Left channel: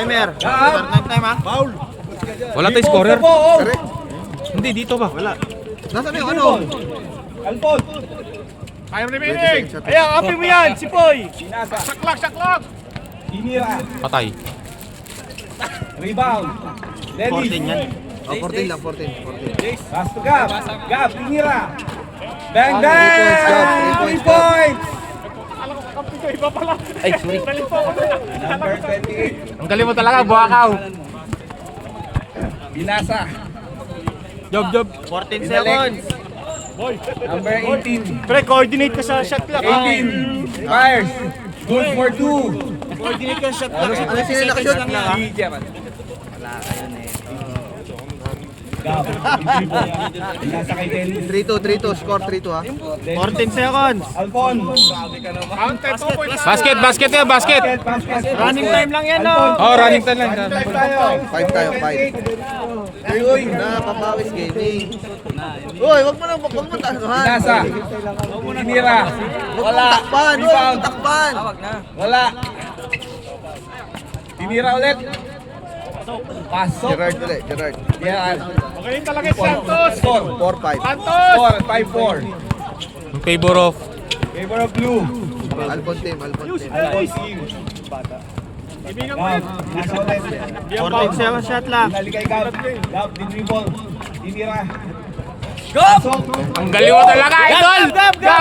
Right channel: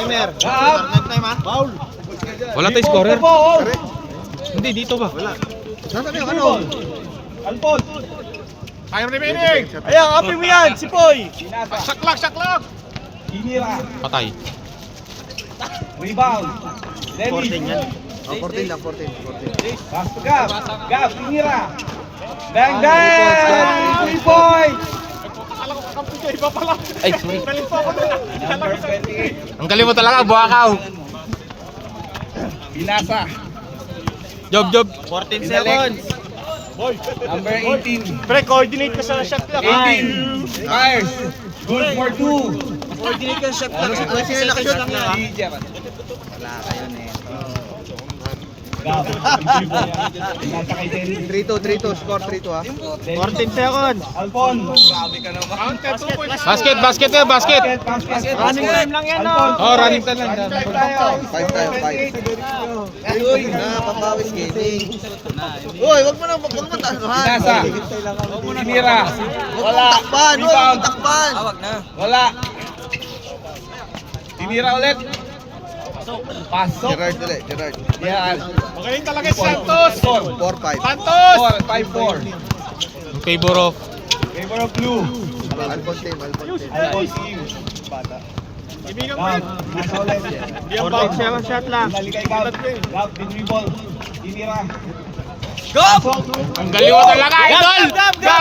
Timer. Foul. Wala tayong scorer. Hindi, dito ba? Nasaan yung ano? Alpon. Ayaw remaining. Ayan, api mo yan, si Poy. Saklak. Inira. Patay. Rebound. Dennis. 14 lang, 14. Pass to Gab. Gab, Inira. Bang, bang! 3 points. Ay, sorry. Number 28. Ang galing mo talaga, Buakaw. Binasa. Job. 14 Binalik. Number 18. Pre, coordinate ka sa shot clock. 18. Fires. Good for 2. Coordinate ka sa shot clock. Ano sila nakashot na ka? Wala kayo neto. Gab. Binasa kay Dennis. 3-2, score 3-2 ha. 14 seconds. Alpon. Grabe ka naman. Basket. Basket. Running time lang yan, no? Oh, running time lang. 5 tayo, 5. Uy, napapawis gaming. Uy, wag mo tasahan. Binasa. Inira. Wala. Takpan, uy, Rebound. takpan. Wala. Tinira ulit. Pasok. Gerard. Yan. Magaling talaga Santos. Score. 4-5. Score. 5-4. In favor of Favor of blue. Alpon team. Ibigan mo Gab. yan. Binasa ulit. Yung bounce yung shot lang. Binalikay Gab. Gab, dinribble. Tinira. ang galing mo talaga, idol! Gab!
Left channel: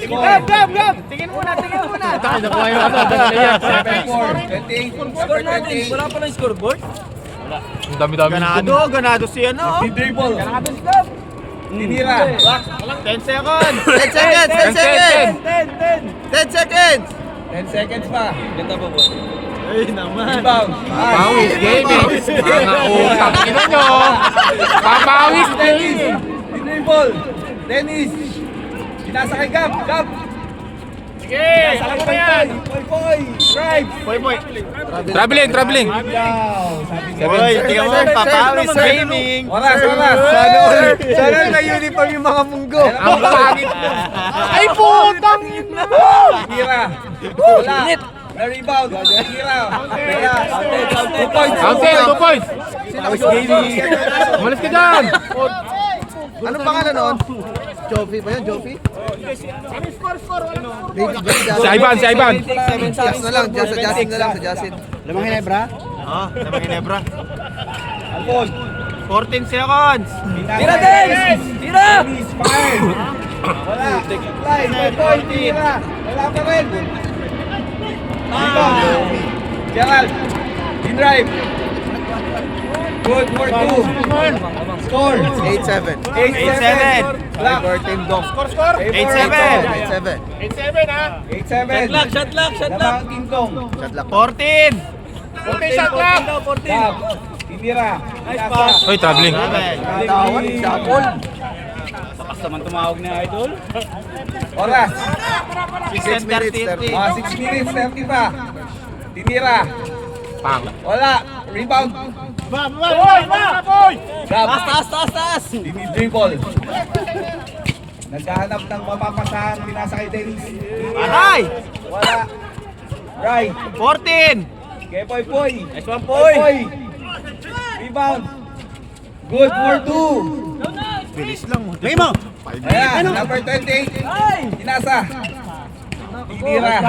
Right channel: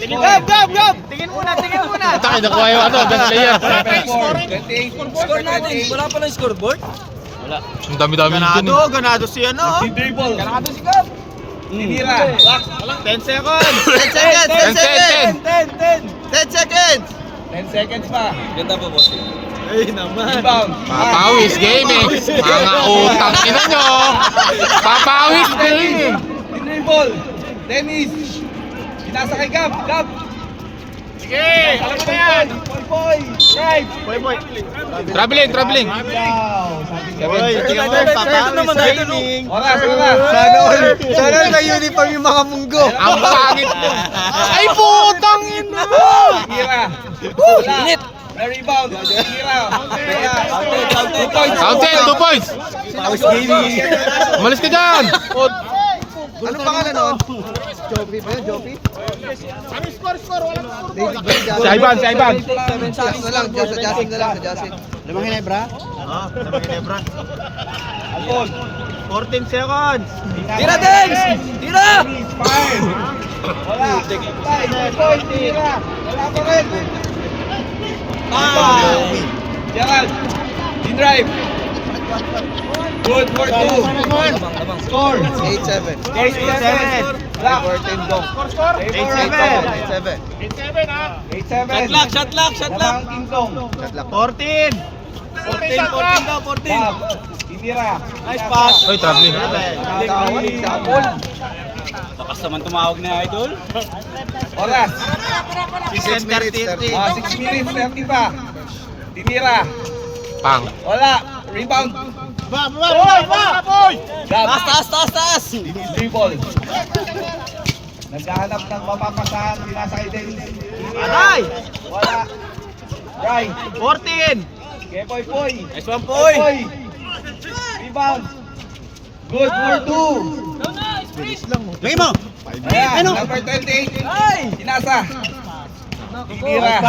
Lingon! Gab! Tingin muna. Takay, nakuha yung ano, best player. 7-4. 28. Number 28. Wala pa ng scoreboard? Ang dami-dami dun eh. Ganado si ano. Dinribble. Tinira. 10 seconds. 10 seconds. 10 seconds. 10 seconds pa. Ganda po, boss. Ay naman. Rebound. Papawis gaming. Mga utang ina nyo. Papawis Dennis. gaming. Dinribble. Dennis. Binasa kay Gab. Gab. Sige, alam mo na yan. Poy. Drive. Traveling. Boy, tingnan mo, papawis gaming. Oras. Sana all na uniform yung mga munggo. Ang pangit. Ay, putang ina. Tira. Wala. Na-rebound. Tira. Wala. 2 points. Counted, 2 points. Papawis gaming. Umalis ka dyan. Anong pangalan nun? Joffy ba yun? Joffy? David Gray. Si Ivan. Just na lang, Justin na lang, sa Justin. Lamang Hinebra? Alpon. 14 seconds. Tira, Dennis! Tira! Dennis. Fire. Wala. Tay, 9 point. Tira. Wala pa rin. Gerald. In-drive. Good for 2. Score. 8-7. 8-7. Black. Score. 8-7. 8-7. Shot lock! Lamang Tintong. 14. 14 daw, 14. Gab. Tinira. Nice pass. Uy, traveling. Bakas naman tumawag na idol. Oras. 6 minutes, 30. 6 minutes, 30 pa. Tinira. Pang. Wala. Rebound. Gab. Taas! Dribble. Naghahanap ng mapapasahan. Pinasa kay Dennis. Aray! Wala. Right. 14. Kay Poy. Nice one, Poy. Rebound. Good for 2. Lagi mo. Ayan. Number 28. Pinasa. Tinira.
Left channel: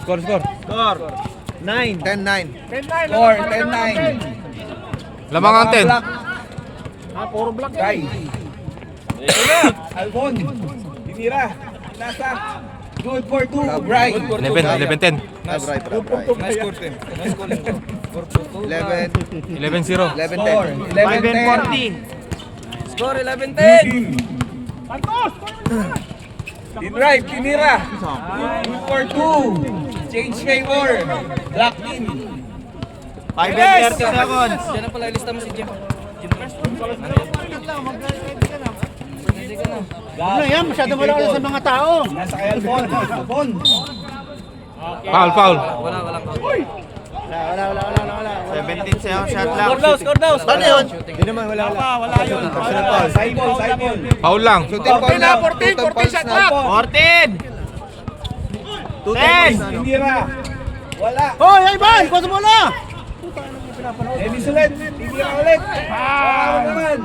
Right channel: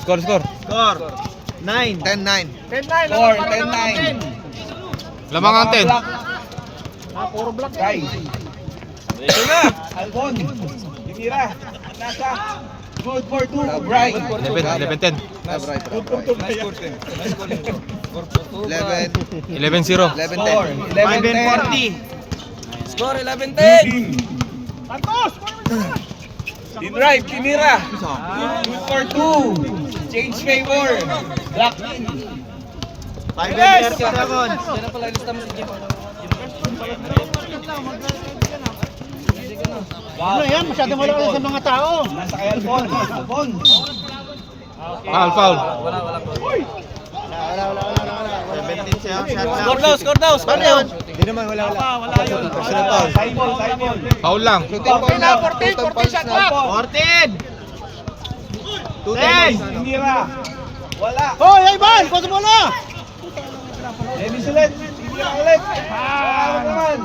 Score. Score. 9. 10-9. Score. 10-9. Lamang ang 10. Puro black. Right. Alvon. Tinira. Pinasa. Good for 2. Right. 11-10. Abray. Nice scoring bro. 11. 11-0. 11-10. Score. 11-10. 11-40. Score 11-10. In-drive. Tinira. Good for 2. Change favor. Black in. 5 seconds. Yan ang pala lista mo si Jim. Ano yan? Masyadong wala sa mga tao. Nasa kay Alvon. Alvon. Foul. Wala. 17 seconds. Score daw. Ano yun? Hindi naman, wala. Personal foul. Saibol. Foul lang. Shooting foul na. 14 shot clock. 14. 10. Tinira. Wala. Hoy, Ivan! Pasa mo na! Dennis ulit. Tinira ulit. Wala naman.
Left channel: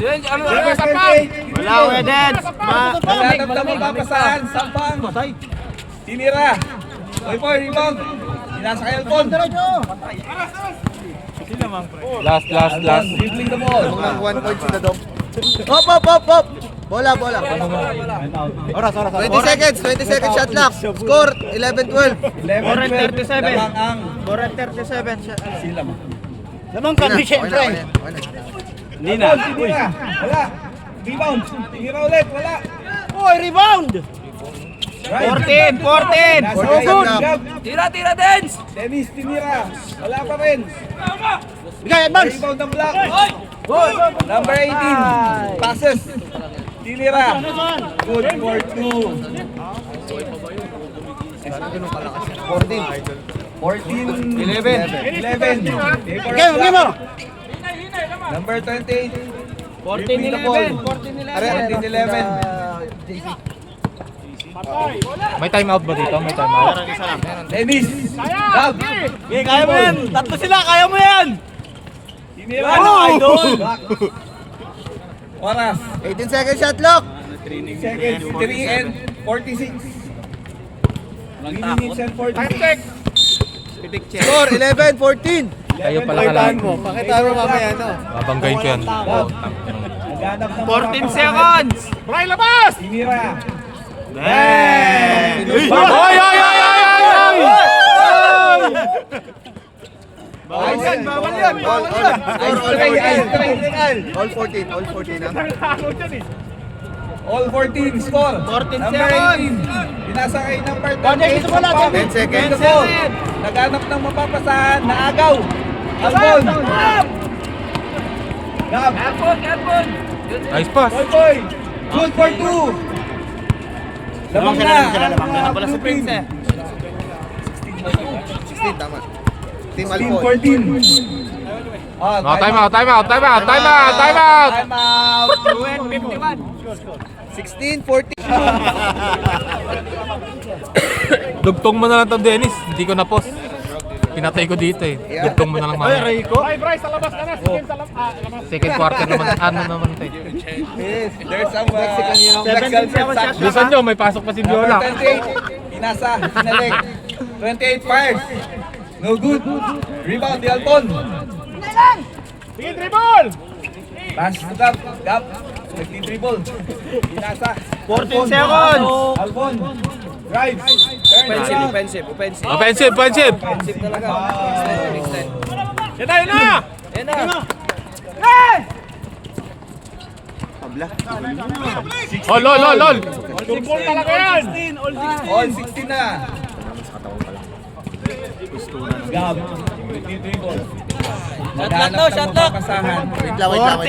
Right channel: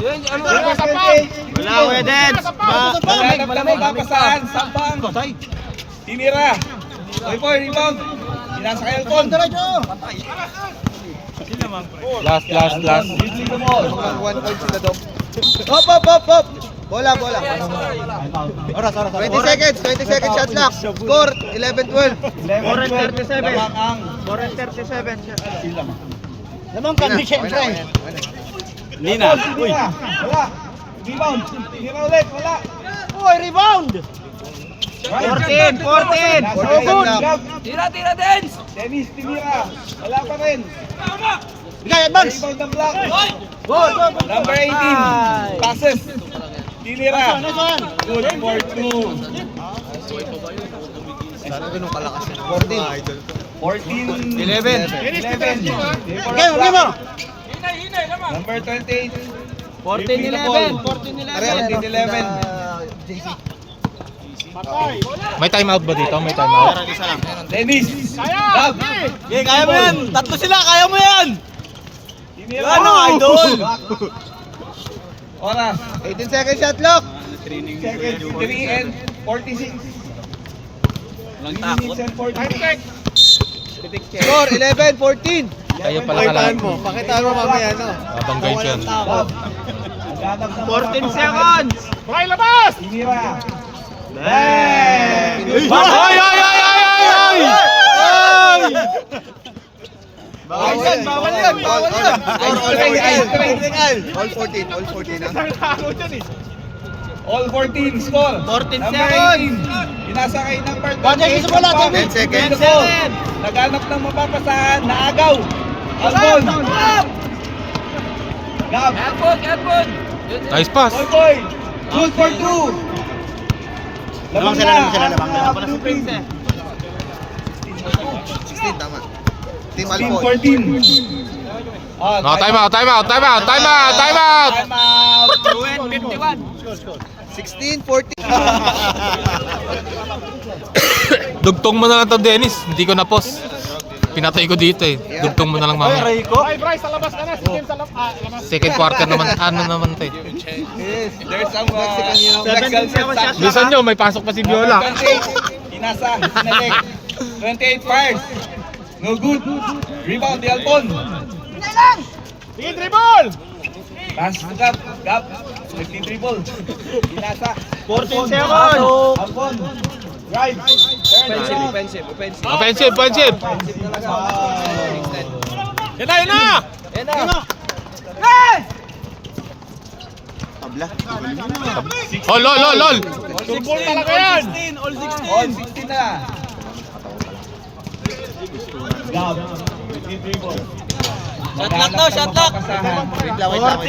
Number 28. Wala, Kuya Dens! Naghanap na mapapasahan. Sampang. Tinira. Poy, rebound. Inasa kay Alcon. Last. Dribbling the ball. Nang 1 point sila, Dom. Hop! Bola. 20 seconds shot clock. Score, 11-12. 11-12. Lamang ang 4:37 siya. sila mo. Lamang ka, di siyempre. Tinira. Wala. Rebound. Tinira ulit. Wala. Uy, rebound! 14. Nasa kay Good. Gab. Tira, Dens! Dennis tinira. Wala pa rin. Bigay, Evans! Rebound ng block. Number 18. Passes. Tinira. Good for 2. 11. Bigay mo! Number 28. Dribbling the ball. 14-11. May timeout ba dito? May timeout? Dennis. Gab. Kaya mo yan! Tatlo sila, kaya mo yan! Tinira. Ano, idol? Oras. 18 seconds shot clock. Seconds. 3 and 46. Minutes and 46. Score, 11-14. Kayo pala kalang. Pakitaan mo mamaya, ano? Babanggayin ko yan. Gab. Naghanap ng 14 seconds! Play labas! Tinira. Bang! Ayos yan, bawal yan! Ice tray. All 14, all 14 ha? All 14 score. 14 Number seconds. 18. Pinasa kay number 28. Sampang. 10 seconds. Beautiful. Naghanap ng mapapasahan. Naagaw. Albon. Gab. Nice pass. Boy. Good for 2. Lamang sila. Blueprint. 16, tama. Team 16, Alpon. 14. Ah, Timeout. Time out. 16, 14. Dugtong mo na lang to, Dennis. Hindi ko na-post. Pinatay ko dito eh. Dugtong mo na lang mamaya. Second quarter naman. Ano naman to eh. There's some legal transaction. Bilisan nyo, may pasok pa si Number Viola. 28. Inasa. Sinalik. 28 fires. No good. Rebound. Di Alpon. Pass to Gab. Gab. Nagti-dribble. Inasa. 14 seconds! Alpon. Drive. Turn. Offensive. Offensive. Lol. All 16 na. Gab. Nagti-dribble. Shot lock. Wait lang.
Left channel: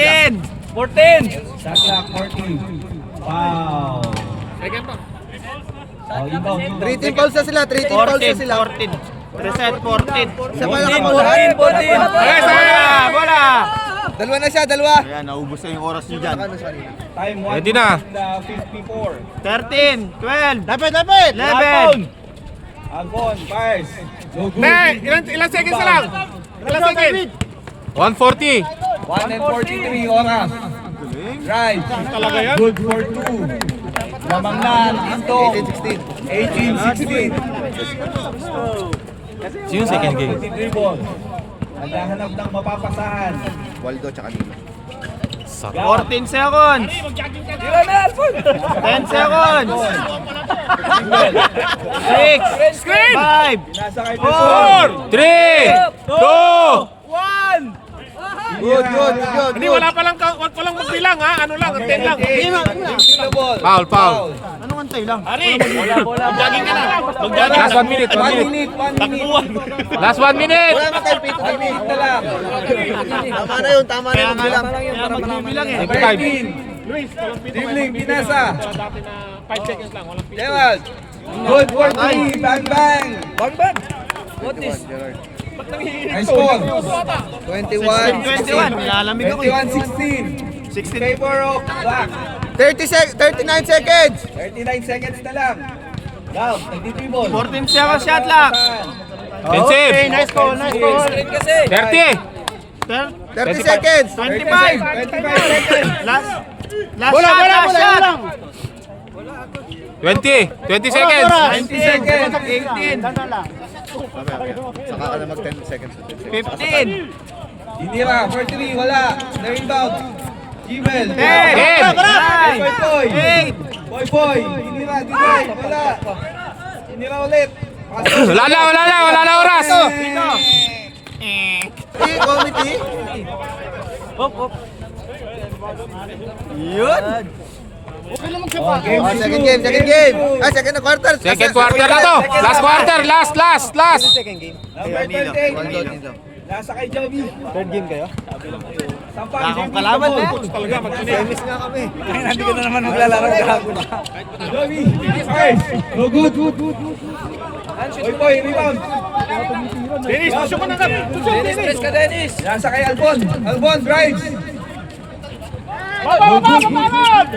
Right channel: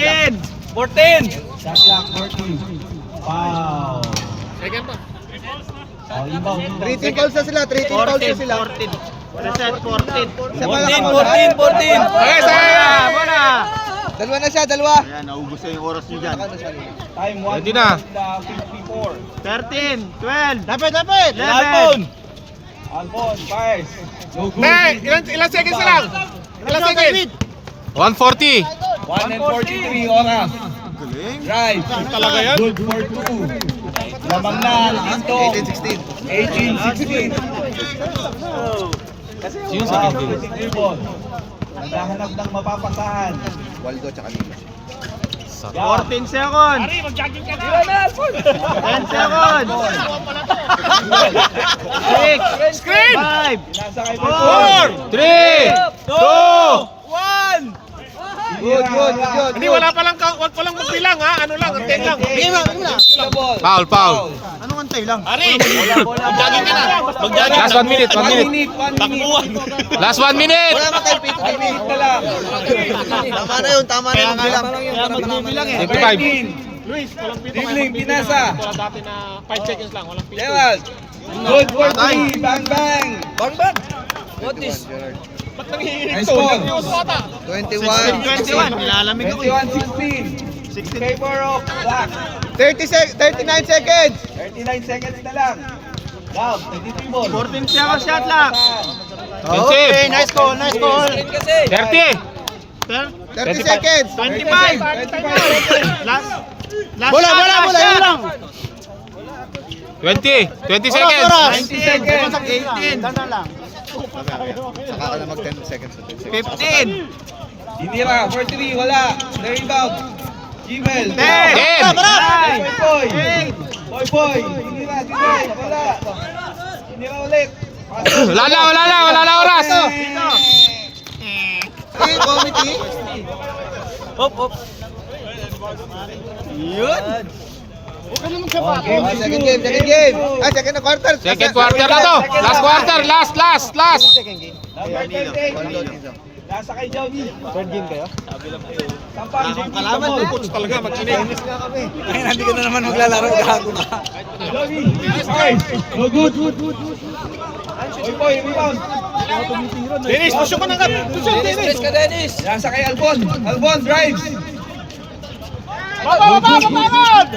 14! Shot clock 14. Foul. Second pa. Inbound. 3 team fouls na sila, 3 team fouls na sila. 14. 14. Isa pa lang. 14. Wala! Dalawa na siya, dalawa. Time 1. Ready na. 54. 13. 12. Dapat. 11. Alpon. Fires. No good. Ilan seconds na lang? 140. 1 and 43 oras. Drive. Good for 2. Lamang na ang Tintong. 18-16. 18-16. Sino second game? Dribble. Naghahanap ng mapapasahan. Waldo tsaka Nilo. 14 seconds. 10 seconds. 6. Screen. 5. Nasa kay Pesor. 3, 2, Good. Hindi, wala palang magbilang ha. Ano lang, antay lang. Foul. Anong antay lang? Last 1 minute. 1 minute. Last 1 minute. Wala naman tayong pito. 1 minute na lang. Tama na yun bilang. Number 18. Dribbling, Pinasa. 5 seconds lang. Walang Gerald. Good for 3. Bang. What is? Nice score. 21. 21. Nilalamig ako. 21-16. 16 favor of Black. 39 seconds. 39 seconds na lang. Gab, nagtitribble. 14 seconds shot clock. Okay, nice call, nice call. 30. 30 seconds. 25. 25 seconds. Last Bola, shot, bola, last bola, shot. bola. 20 seconds. 90 seconds. 18. Saka ka na mag 10 seconds. 15. Inira, 43, wala. The rebound. Jimel. 10. Boy. Boy. Inira, deny. Wala. Inira ulit. Wala na oras. Committee. Yun. Okay, Second game. Ay, second na quarter. Second quarter na to. Last quarter, last. Number 28. Nasa kay Joby. Third game kayo? Sampang, Kalaman mo, coach talaga. Mag-tennis nga kami. Hindi ko na naman maglalaro. Gago na. Joby. First. Go, good. Boy, rebound. Dennis, puso ko na ka. Dennis. Nasa kay Albon. Albon, drives. Babad!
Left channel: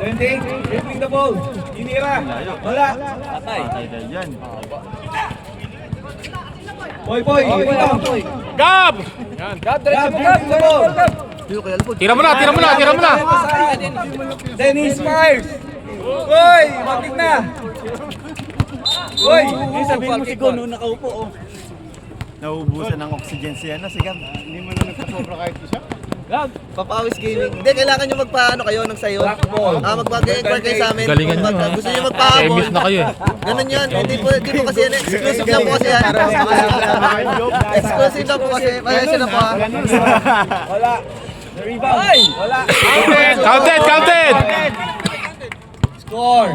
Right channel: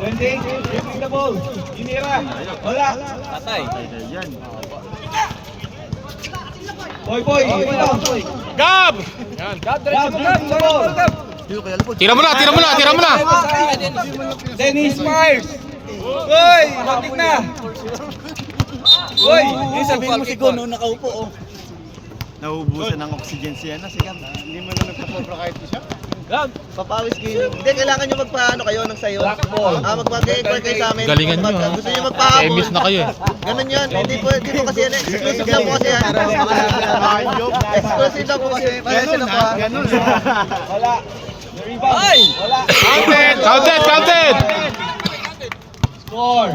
28, dribbling the ball. Inira. Wala. Boy, rebound. Gab! Grab, dribbling the ball. Tira mo na. Dennis fires. Uy, kontik na. Uy, Sabihin mo si Gono nakaupo. Nauubusan ng oxygen siya na siya. Hindi mo na nagpa-cobra kahit siya. Papawis gaming. Hindi, kailangan nyo magpaano kayo ng sayo. Magpag-enquire kayo sa amin. Galingan nyo, ha? Gusto nyo magpahabol. Service na kayo. Ganun yun. Hindi po kasi yan. Exclusive lang po kasi yan. Exclusive lang po kasi. Pasensya na po ha. wala. The rebound. Wala. Counted. Score.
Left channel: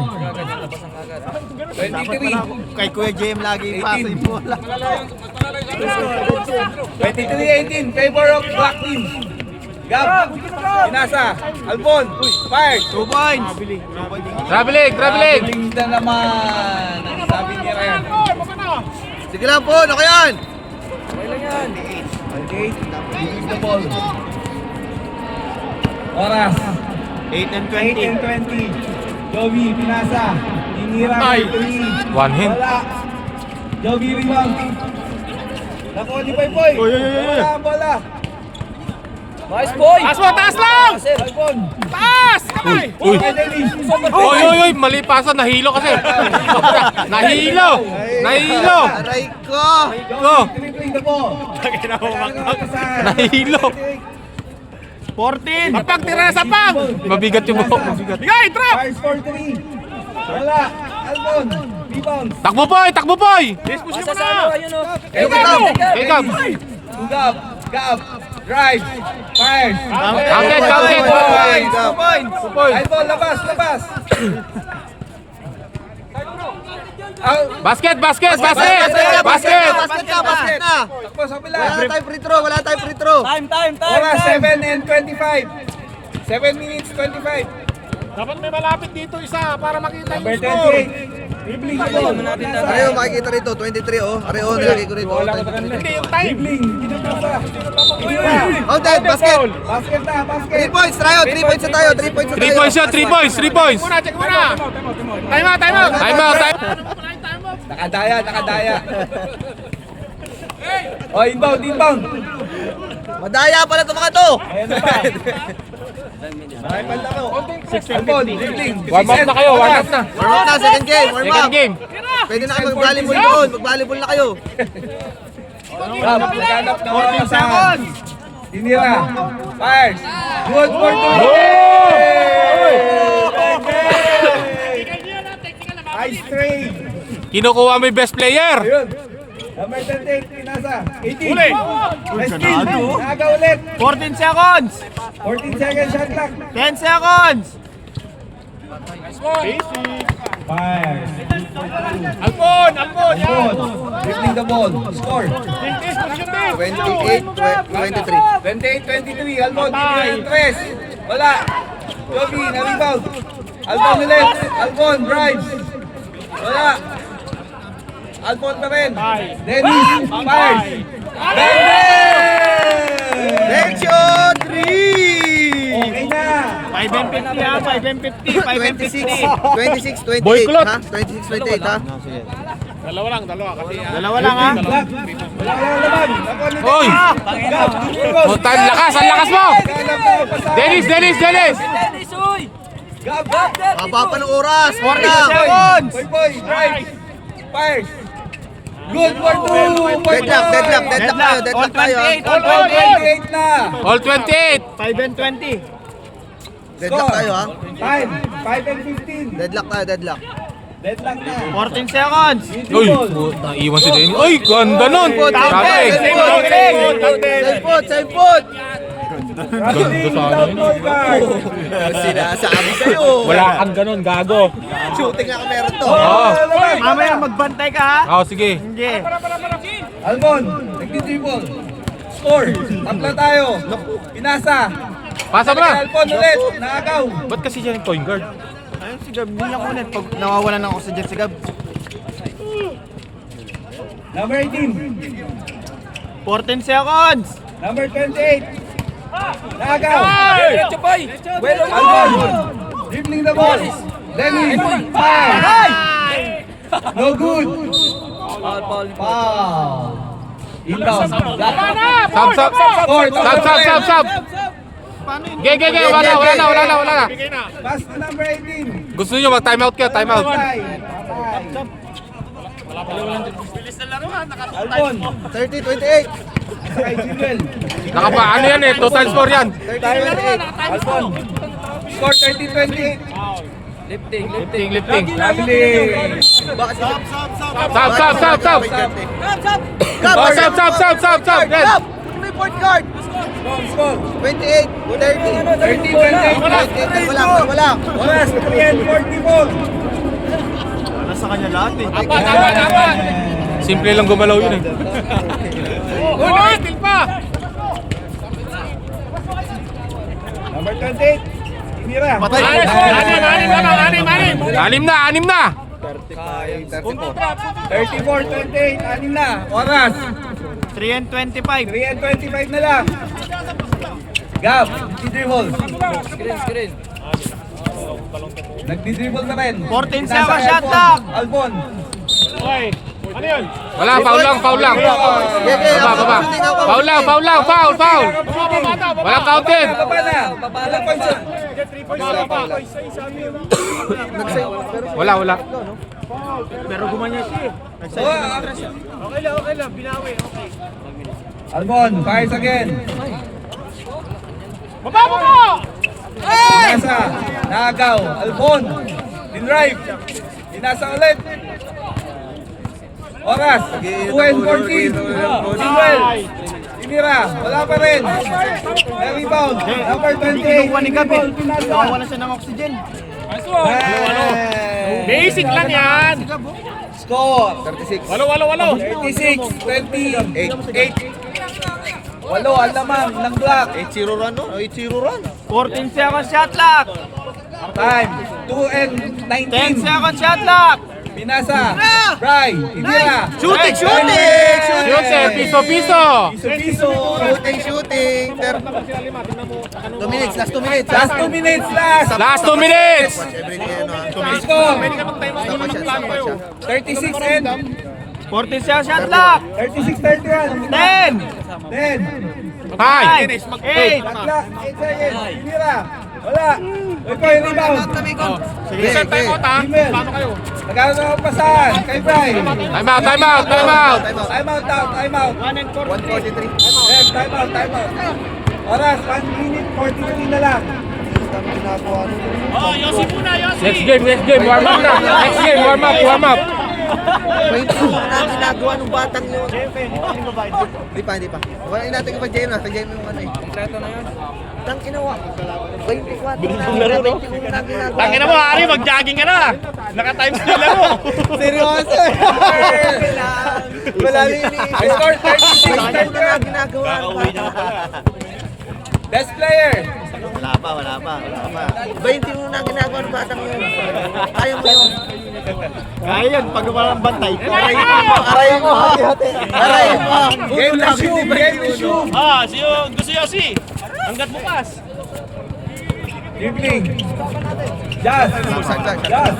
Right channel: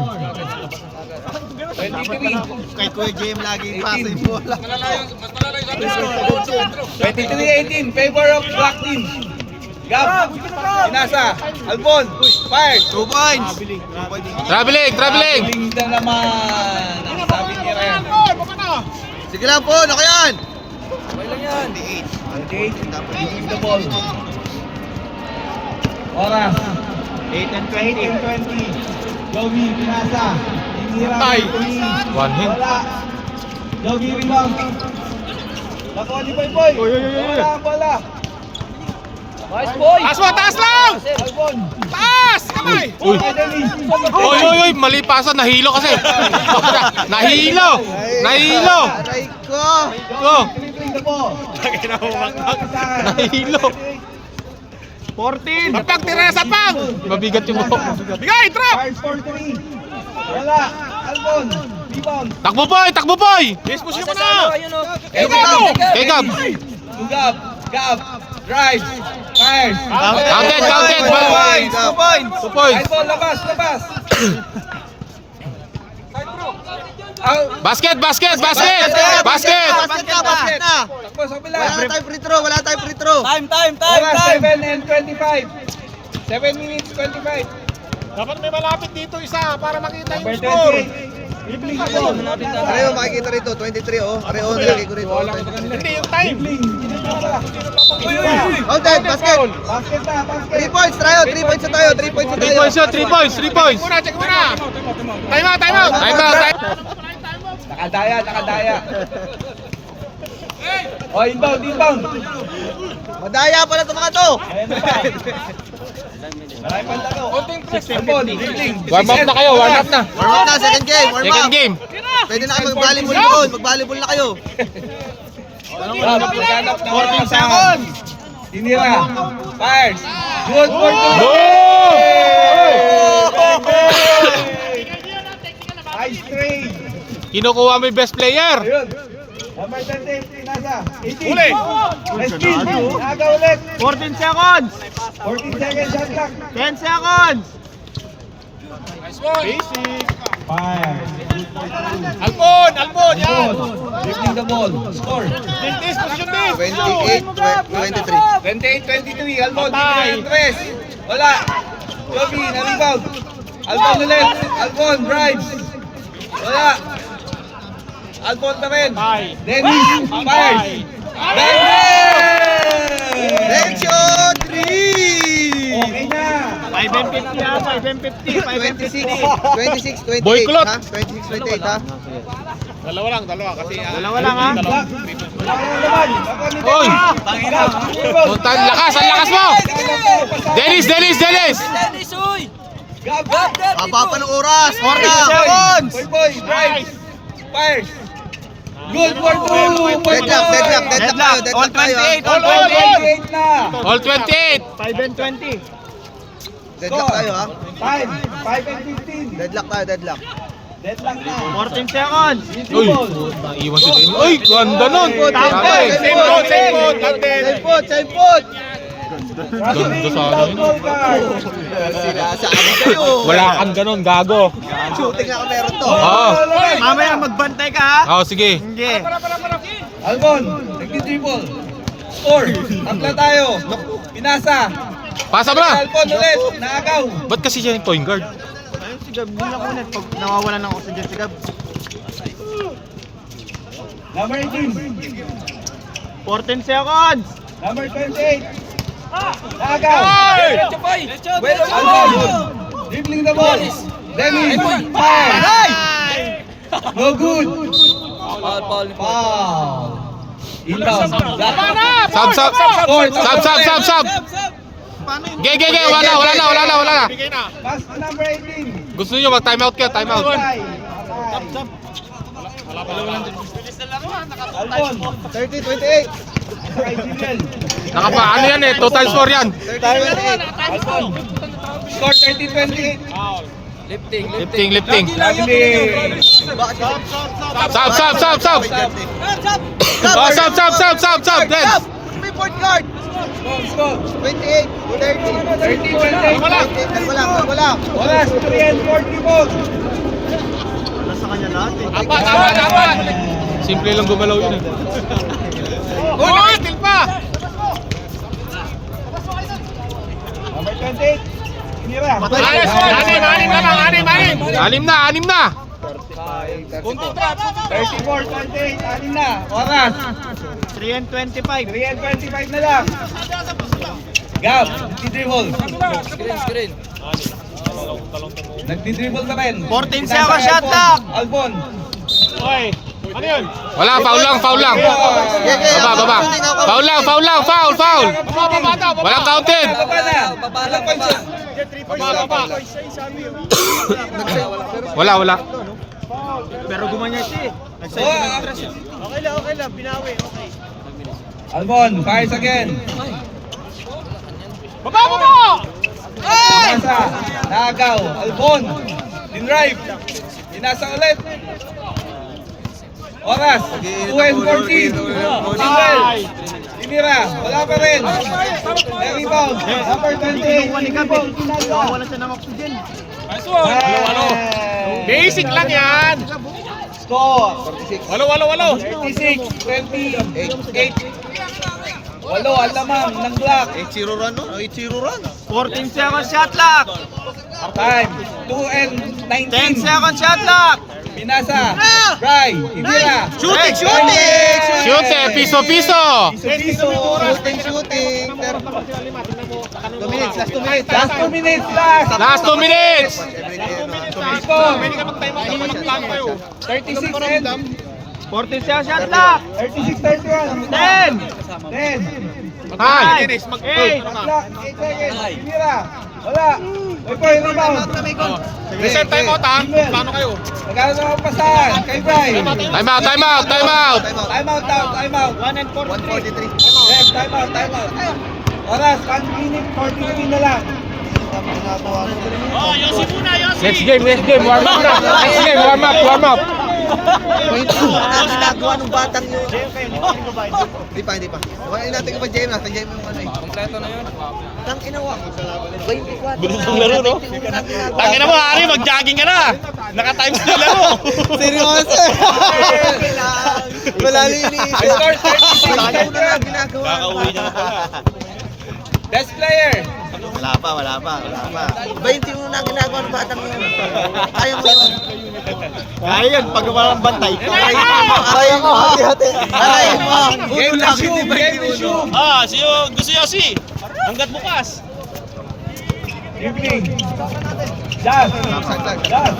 23. Kay Kuya JM lagi yung pasa yung bola. 23-18, favor of black team. Gab, Inasa, Albon, fired. 2 points. Traveling. Traveling na naman. Ang sabi ni Ryan. Sige lang po. Ano yan? 28, giving the ball. Oras. 8 and 20. Jovi, Pinasa. Inira, Ay. 3. One hand. Wala. Jovi, rebound. Nakuha ni Poy. Wala. Taas lang! Albon. Taas! Kamay! Uy. Okay, Dennis. Oy, mali pasa, nahilo kasi. Nahilo. Aray ko. Oh, Dribbling the ball. nahilo. 14. Sapang, tira na sapang! Mabigat yung buhok. Bigay, trap! Fires for 3. Wala. Albon. Rebound. Takbo, boy! Yes, puso mo na! Kay Gab. Gab. Drive. Fires. Counted. Points. 2 points. Albon, labas. Basket. Basket na. Takbo sa pila. Wala tayong free throw. Oras 7 and 25. 7 minutes 25. Dapat may malapit dito isa para makita yung Number score. 28. Dribbling the ball. Pareho makikita rito. 23 oh. Pareho nilagay ko rito. Hindi yung time. Dribbling. Counted. Basket. Basket na. 3 points tayo. 3 points na tayo. 3 points na tayo. 3 points. Check muna! Time out! Time out. Nakadaya. Oh, inbound. Madaya pala itong mga to. Ayan na pa. Maraming pantalo. Albon, dribbling. Warm up na kayo, warm up na. Warm up na. Second game. Warm Second up. game. Pwede na kayo mag-volleyball doon. Mag-volleyball na kayo. Gab, naghanap na mga kasahan. Inira. Fires. Good for 2. Ice trade. Kinukuha mo yung best player. Ayun. Number 38, Pinasa. 18. Uli! Steal. Naga ulit. 14 seconds. 14 seconds shot clock. 10 seconds. Basic! Fires. Albon! Yan! Dribbling the ball. Score. This, position this! 28-23. 28-23. Albon, tinira yung tres. Wala. Jovi, na-rebound. Albon ulit. Albon, drives. Wala. Albon pa rin. Dennis, fires. Dennis! Next shot. 3. Okay na. 5 and 50 ha. 5 and 50. 5 and 50. 26, 28 Boycott. ha? 26, 28 ha? Dalawa kasi Dalawa lang, ha? dalawa. Wala ka naman. Ako ni Oy! Dennis. Gab, Dennis. Putan, lakas! Ang lakas mo! Kalam tayo pasahan. Dennis! Gab. Haba pa ng oras. Boy, drive. Fires. Good for 2. Deadlock tayo. All 28 na. All 28! 5 and 20. Deadlock tayo ha. 5 and 15. Deadlock. Deadlock na. 14 seconds. Uy! Naiwan si Dennis. Uy! Ganda nun! Tatay! Same foot. Ganda sana yun. Ball card. Sinasabi kayo. Wala kang ganun, gago. Shooting nga meron to. Mamaya magbantay ka, ha? Oo, sige. Hindi. Albon, nagdi-dribble. Score. Tatla tayo. Pinasa. Pasa mo na! Albon ulit. Naagaw. Ba't kasi siya yung point guard? Ayun si Gab. Hindi ako ulit. Pag nawawalan ako sa dyan si Gab. Number 18. 14 seconds. Number 28. Naagaw. Albon. Dribbling the ball. Dennis. Foul. No good. Foul. Inbound. Sab! Score. Sab! Ge! Wala. Pass to number 18. Gusto nyo mag-time out ka? Time out. Albon. 30-28. Kay Jimel. Ano yan eh? Total score yan. 30-28. Albon. Score 30-28. Lifting. Lovely. Sab! Sab! Yes! May point guard. Score. 28, 30. 30-28. Wala. Oras 3 and 44. Apat! Simple lang gumalaw yun eh. Oh, nakitil pa! Number 28. Inira. Anim na! Anim na! 34-28. Anin na. Oras. 3 and 25. 3 and 25 na lang. Gab. Nagdi-dribble. Nagdi-dribble na rin. 14 Pinasa seconds kay shot lang. Albon. Ano yun? Wala, foul lang. Baba. Foul. Walang counted. Baba na. Ilang points yun? Wala. Pero gumanya siya eh. Okay lang. Albon. Fires again. Pinasa. Naagaw. Albon. Dinrive. Pinasa ulit. Oras. 2 and 14. Single. Tinira. Wala pa rin. May rebound. Number 28. Rebound. Pinasa. Wala siya ng oxygen. Basic lang yan! Score. 36. Walo! 36. 28. Walo. Ang lamang ng block. 8-0 run, no? 8-0 run. 14 seconds shot clock. Time. 2 and 10 19. seconds shot clock. Pinasa. Bry. Tinira. Shooting! Shoot eh! Piso! Piso. Shooting! 2 minutes, last 2 minutes. Last 2 minutes. Last 2 minutes! Score. 36 and 14 seconds shot clock. 36-31. 10. 10. Hi! 8. Clock. 8 seconds. Tinira. Wala. Wait po yung rebound. Reset time out ha! Jimel. Paano kayo? Nagano na akong pasahan. Kay Bry. Time out! Time out. 1 and 40. 143. Ref, time out. Oras, 1 minute 43 na lang. Next game! Warm up na! Next game! Warm up! Ang ginagawa ng batang yun. Hindi pa. Wala natin ka pa, James. Nasa James yung ano eh. Kompleto na yun. Tang inawa. 24 na. 21 na ginagawa. Tangina mo, Ari, mag-jogging ka na! Naka-times na lang mo! Seryoso eh. Wala linis. I scored 21 36 na ginagawa ng batang. Best player. Wala pa. 21 na ginagawa ng batang yun. Ayaw mo yun. Kaya yan, pag walang bantay. Arayin mo. Game resume. Ah, gusto Yossi! Hanggat bukas! Dribbling. Jazz. Jazz.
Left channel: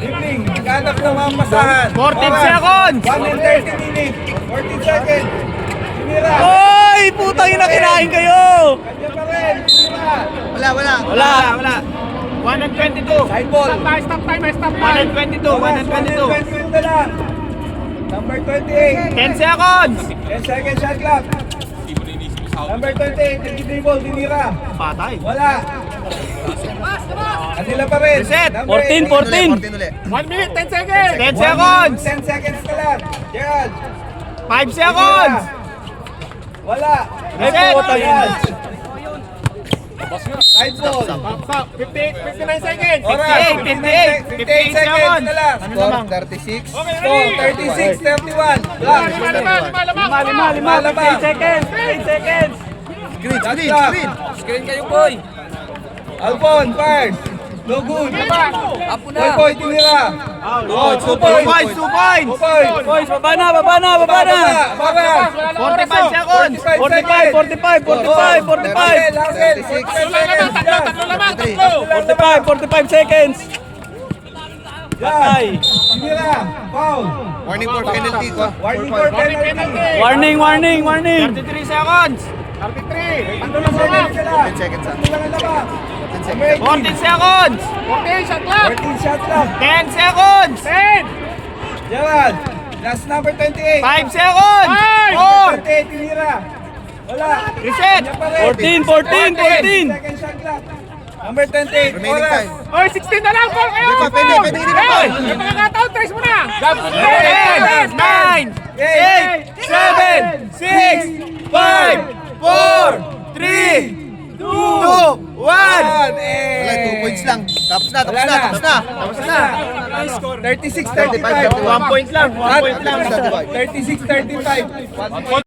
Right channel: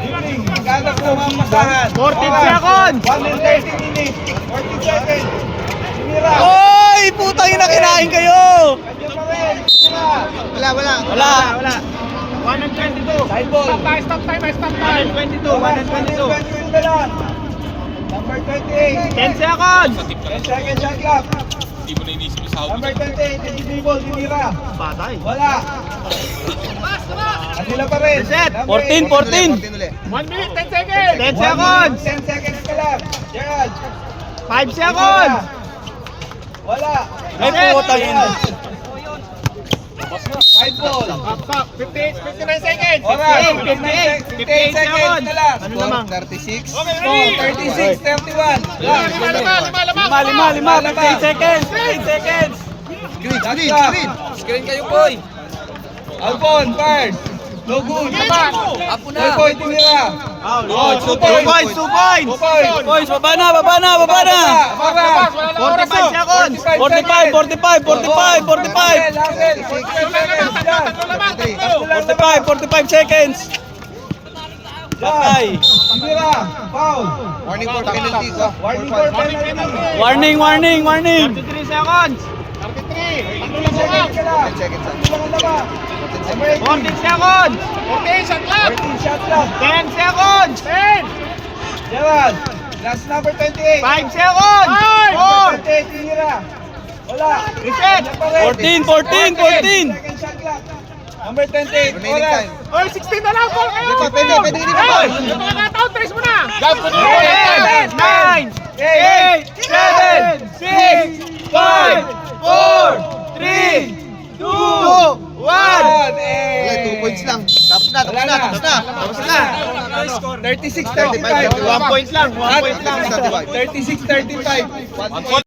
Dribbling. Naghanap ng mga masahan. 14 seconds. 1 and 30 minutes. 14 seconds. Sinira. Oy! Putang ina, kinain kayo! Kanya pa rin. Sinira. Wala. 122. Side ball. Stop time, stop time. 122 na lang. Number 28. 10 seconds. 10 seconds shot clock. Number 28, yung dribble, dinira. Wala. Kanila pa rin. Number 14. 14 ulit. 1 minute, 10 seconds. 10 seconds. 10 seconds na lang. Gerald. 5 seconds. Wala. Ay, putang ina. Side ball. Stop. 59 seconds. Alright. 58 seconds na lang. Ano naman? 36. Score, 36, 31. Lang. Lima. 8 seconds. 8 seconds. Screen. Screen kayo, boy. Alvon, first. No good. Apo na. 2 point, tinira. 2 points. 2 points. 2 points. Boys, baba na. Mara. 45 seconds. 45 45 seconds. Patay. Tinira. Foul. Warning for penalty. Warning for penalty. Warning. 33 seconds. 10 seconds. 14 seconds. 14 shot clock. 14 shot clock. 10 seconds. 10. Gerald. Last number 28. 5 seconds. Number 28, tinira. Wala. Reset. 14. Second shot clock. Number 28. Remaining Oras. time. Oy, 16 na lang. Call kayo. Pwede, pwede, hindi pa. May mga nataon, trace mo na. 9, 8, 7, 6, 5, 4, 3, 2, 1. Wala, 2 points lang. Tapos na. 36, 35, 35. 1 point lang. 36, 35.